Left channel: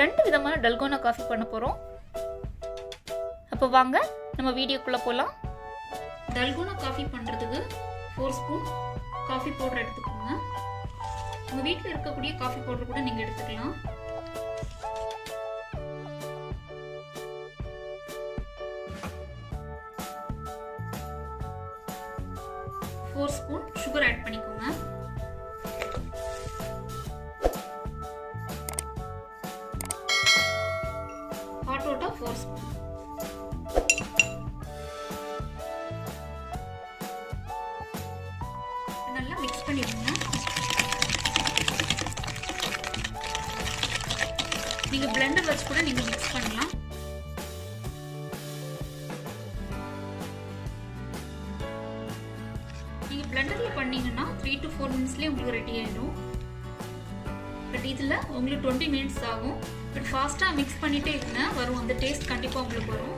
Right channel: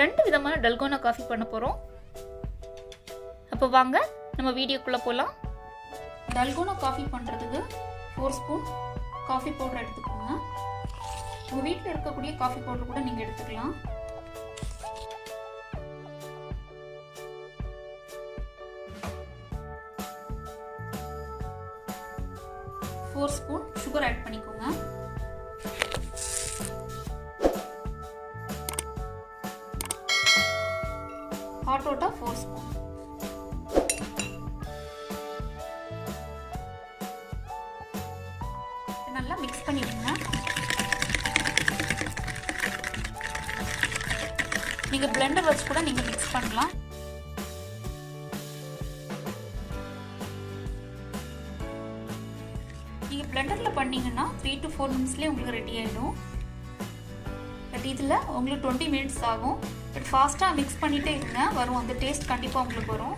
ரெண்டு விதமான dalgona coffee பண்ண போகிறோம். அப்போ வாங்க நம்ம வீடியோக்குள்ளே போகலாம். டல்கோனா காஃபி பண்ணுறதுக்கு 4 ஸ்பூன் காஃபி பவுடர் எடுத்துக்கோங்க. உங்கள் வீட்டில் இருக்கக்கூடிய காஃபி பவுடர் கூட நீங்கள் எடுத்துக்கலாம். ஒரு ஸ்பூன் சுகர் ஆட் பண்ணிக்கோங்க. Hot water 4 spoon. நல்லா மிக்ஸ் பண்ணிடுங்க. நீங்க பிளெண்டர் வச்சு கூட நீங்க மிக்ஸ் பண்ணலாம். நீங்கள் பிளெண்டரில் பண்ணிங்கன்னா 3 to 4 மினிட்ஸ்லேயே உங்களுக்கு ரெடி ஆகிடும். பட் இதில் உங்களுக்கு 20 மினிட்ஸ் ஆகும். பட் ஃபாஸ்ட்டாக மிக்ஸ் பண்ணிகிட்டே இருங்க, வரும் அந்த டேஸ்ட் கண்டிப்பாக உங்களுக்கு வரும்.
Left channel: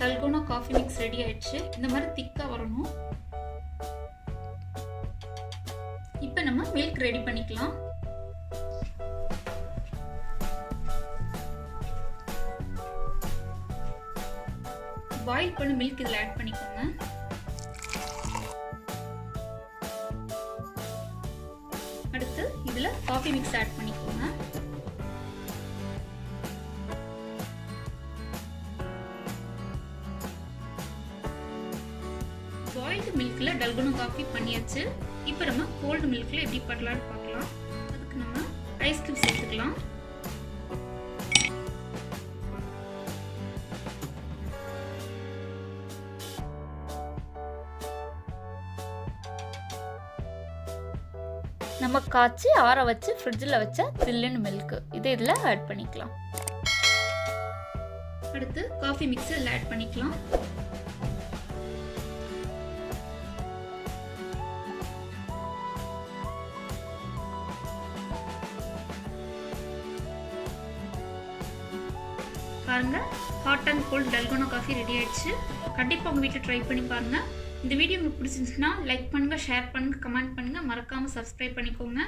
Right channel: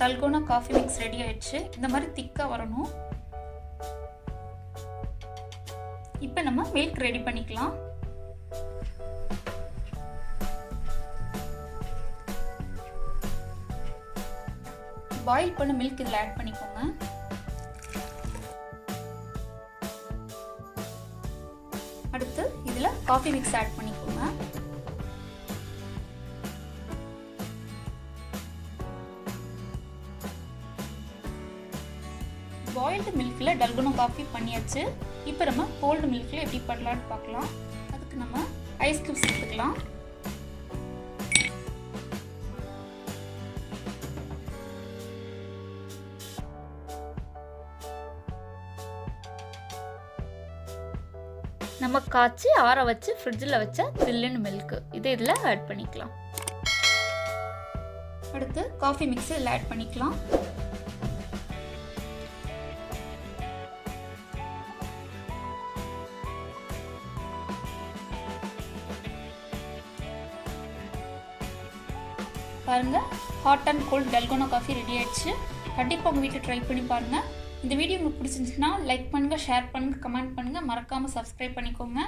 டல்கோனா காஃபி மிக்ஸ் ரெடி ஆயிடுச்சு. இந்த மாதிரி திக்கா வரணும். இப்போ நம்ம மில்க் ரெடி பண்ணிக்கலாம். பாயில் பண்ண மில்க் இதில் ஆட் பண்ணிக்கோங்க. அடுத்து இதில் காஃபி மிக்ஸ் ஆட் பண்ணிக்கோங்க. பாயில்டு மில்க்ல டல்கோனா காஃபி பண்ணியாச்சு. இப்போ நம்ம கோல்டு மில்க்ல எப்படி பண்ணலாம்னு பார்க்கலாம். அதுக்கு நம்ம ஐஸ் கியூப் சேர்த்துக்கலாம். நம்ம காய்ச்சி ஆற வச்சு ஃப்ரிட்ஜில் வச்ச சில்லுன்னு மில்க் இதை இதில் ஆட் பண்ணிக்கலாம். அடுத்து காஃபி மிக்ஸ் இதில் ஆட் பண்ணிக்கலாம். பாருங்க, hot and cold dalgona coffee ready ஆயிடுச்சு. கண்டிப்பாக உங்கள் வீட்டில் ட்ரை பண்ணி பாருங்க. இந்த வீடியோ உங்களுக்கு பிடிச்சிருந்துச்சுன்னா லைக் பண்ணுங்க, ஷேர் பண்ணுங்க, கமெண்ட் பண்ணுங்க, மறக்காம சப்ஸ்கிரைப் பண்ணிக்கோங்க.